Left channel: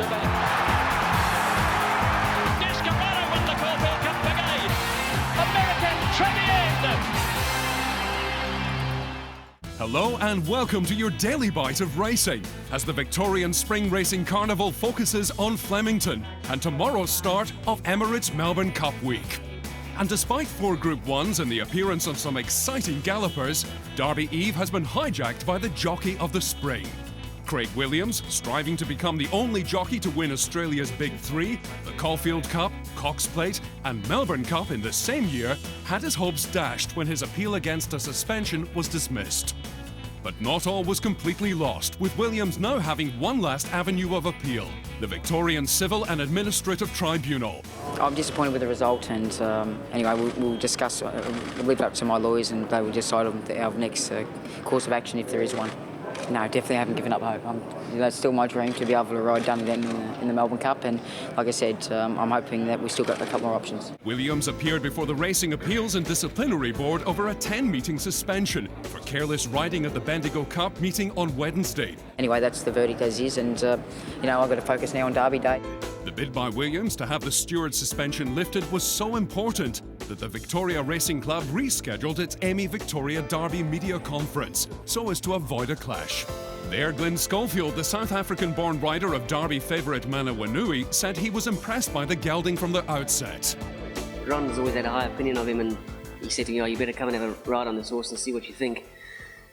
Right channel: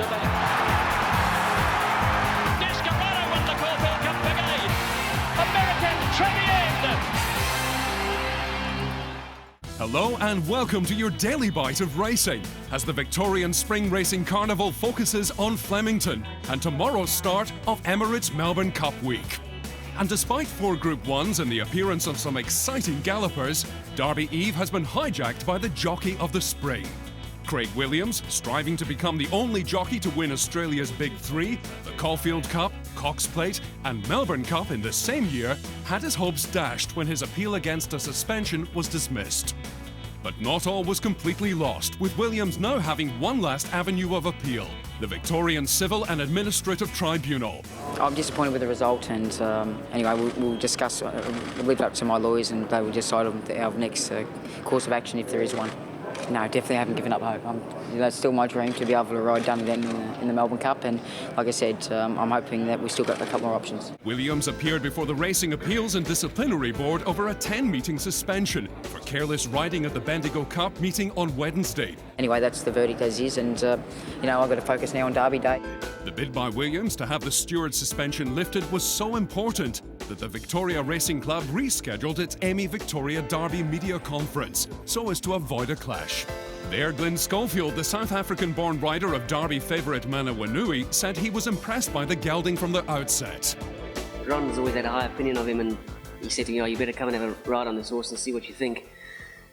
Civil. Descarado won the Caulfield Cup again. American champion. Hello and welcome to your daily bite of racing as the Victorian Spring Racing Carnival focuses on Flemington and tomorrow's start of Emirates Melbourne Cup Week. And despite 4 Group 1s and the appearance of some exciting gallopers, Derby Eve has been hijacked by the jockey of the spring. Craig Williams, striving to become the only jockey to win Australia's Big Three, the Caulfield Cup, Cox Plate and Melbourne Cup in the same year, had his hopes dashed when his appeal against a suspension was dismissed. But not all was completely lost, with Williams now having one last avenue of appeal, the Victorian Civil and Administrative Tribunal. I'm disappointed with the result, and anyway, we'll discuss, leave it up to my lawyers, and they will decide on our next course of action if there is one. No, definitely haven't given up hope. That's still my dream to be able to ride Dun again in the Melbourne Cup, and like I said, I'm hoping that we've still got a couple more options. Williams appeared before the Racing Appeals and Disciplinary Board over a 10-meeting suspension for careless riding at the Bendigo Cup meeting on Wednesday. Anyway, that's the verdict as is, and I've got to focus now on Derby Day. The bid by Williams to have the steward suspension lifted was so important that the Victoria Racing Club rescheduled its Emmy Victoria Derby media conference so as to avoid a clash. There, Glyn Schofield, the South African-born rider of Derby favourite Mana Wanui, said he was impressed by the gelding from the outset. Ron has always had a high opinion of him, and he said, you better come and have a ride on this horse and see what you think.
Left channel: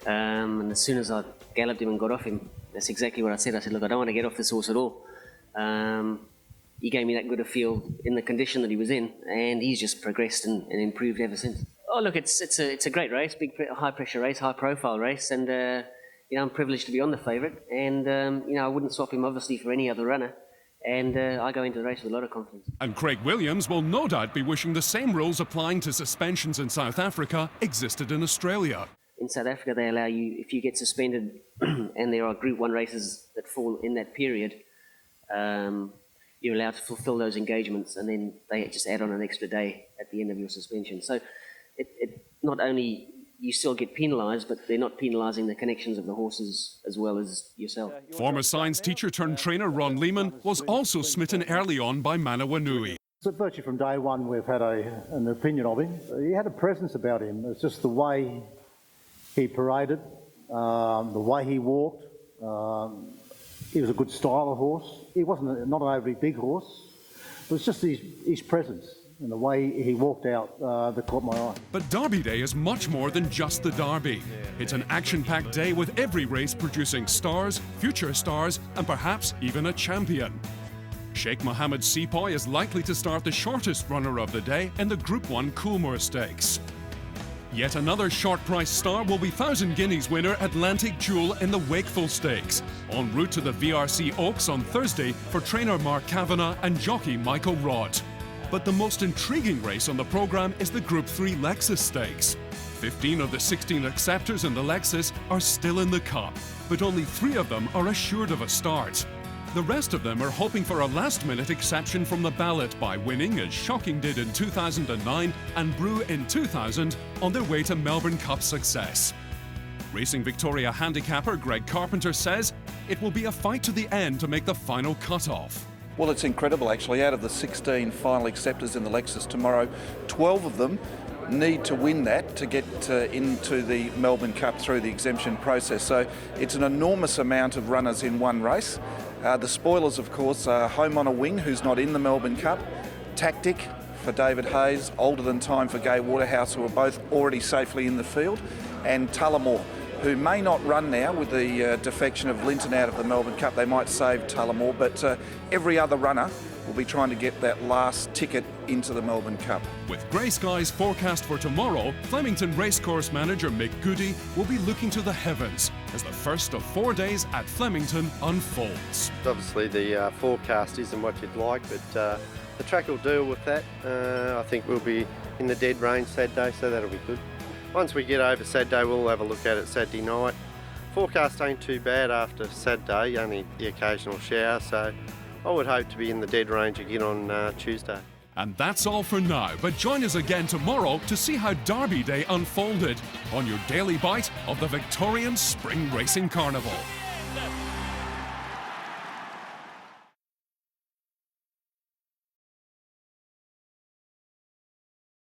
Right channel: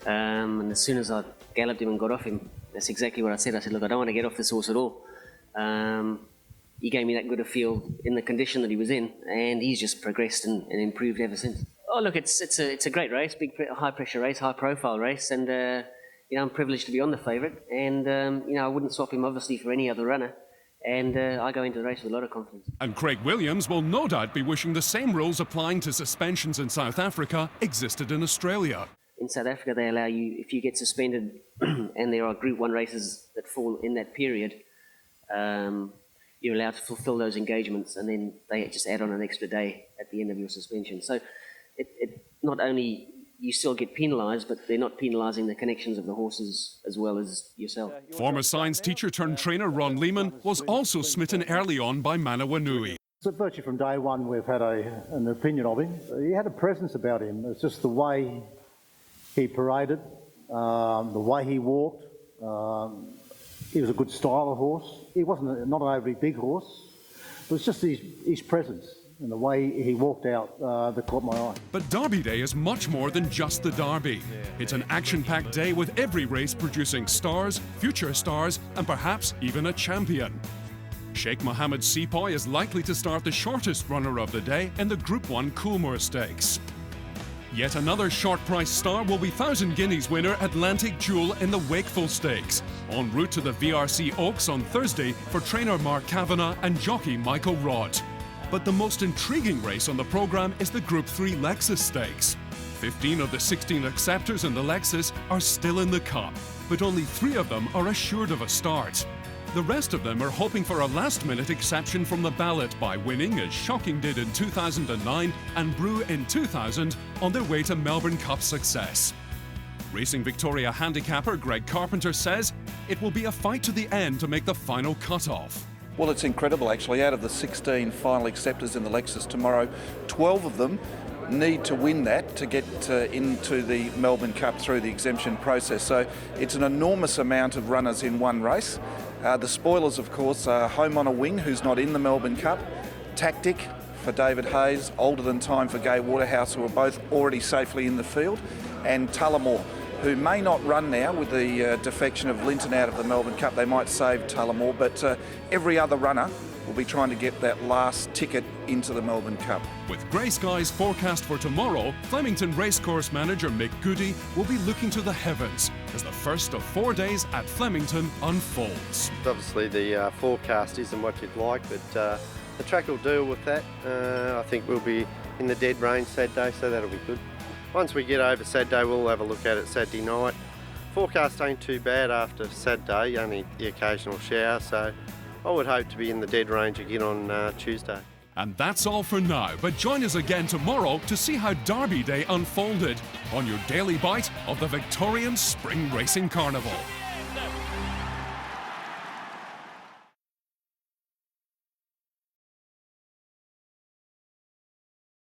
And as soon as I galloped him and got off him, that's exactly what I said. I said, look, I don't want to get off this horse at all. He gave me that good a feel in the condition that he was in, and he's just progressed and improved ever since. Oh, look, it's a great race, high pressure race, high profile race, and I'm privileged to be on the favourite, and I wouldn't swap him obviously for any other runner, and I go into the race with a lot of confidence. And Craig Williams will no doubt be wishing the same rules applying to suspensions in South Africa existed in Australia. In South Africa, they allow you, if you get suspended and there are Group 1 races that fall in that period, you're allowed to fulfil those engagements, and then they just add on an extra day at the end of your suspension. So it not only you still get penalised, but they're not penalising the connections of the horses as well as yourself. Former science teacher turned trainer Ron Lehman was also smitten early on by Mana Wanui. So virtually from day one we've had an opinion of him. He had a presence about him. It's just the way he paraded, the way he walked. He was a good style of horse. He wasn't not an overly big horse. It was just his presence and the way he walked out that caught my eye. But Derby Day is much more than just the Derby. It's an action-packed day with every race producing stars, future stars, and perhaps even a champion. Sheikh Mohammed Sepoy is likely to start the shortest runner of the day in the Group 1 Coolmore Stakes. Yet another short-price star will be 1,000 Guineas winner Atlantic Jewel in the Wakeful Stakes, en route to the VRC Oaks on Thursday for trainer Mark Kavanagh and jockey Michael Rott. But the most intriguing race on the programme is the Group 3 Lexus Stakes. 15 of the 16 acceptors in the Lexus are still in the Cup, but only 3 of them are assured of a start. The rest of them are hoping for a last-minute exception from the ballot by winning, as Shocking did in 2009 and Brew in 2000, on their way to Melbourne Cup success. Racing Victoria handicapper Greg Carpenter says it will be a fight to the end to make the final cut-off. Well, it's incredible actually. Out of the 16 final acceptors in the Lexus tomorrow, 12 of them need to win that to get into the Melbourne Cup through the exemption process. So it's an enormous amount of runners in one race. The spoilers, of course, are Home on a Wing, who's not in the Melbourne Cup, Tactic for David Hayes, Older Than Time for Gai Waterhouse, who are both already safely in the field, and Tullamore, who may not run now with the defection of Linton out of the Melbourne Cup. They might save Tullamore, but every other runner will be trying to get that last ticket into the Melbourne Cup. With grey skies forecast for tomorrow, Flemington Racecourse manager Mick Goody will be looking to the heavens as the first of 4 days at Flemington unfolds. Obviously the forecast isn't what you'd like, but the track will deal with that. I think we'll be in the dead range Saturday, so that'll be good. Once we get over Saturday, we'll have a look at it Saturday night. Forecast ain't too bad after Saturday, only the occasional shower, so I would hope to be in the dead range again on Tuesday. And that's all for now, but join us again tomorrow to see how Derby Day unfolded on your daily bite of the Victorian Spring Racing Carnival.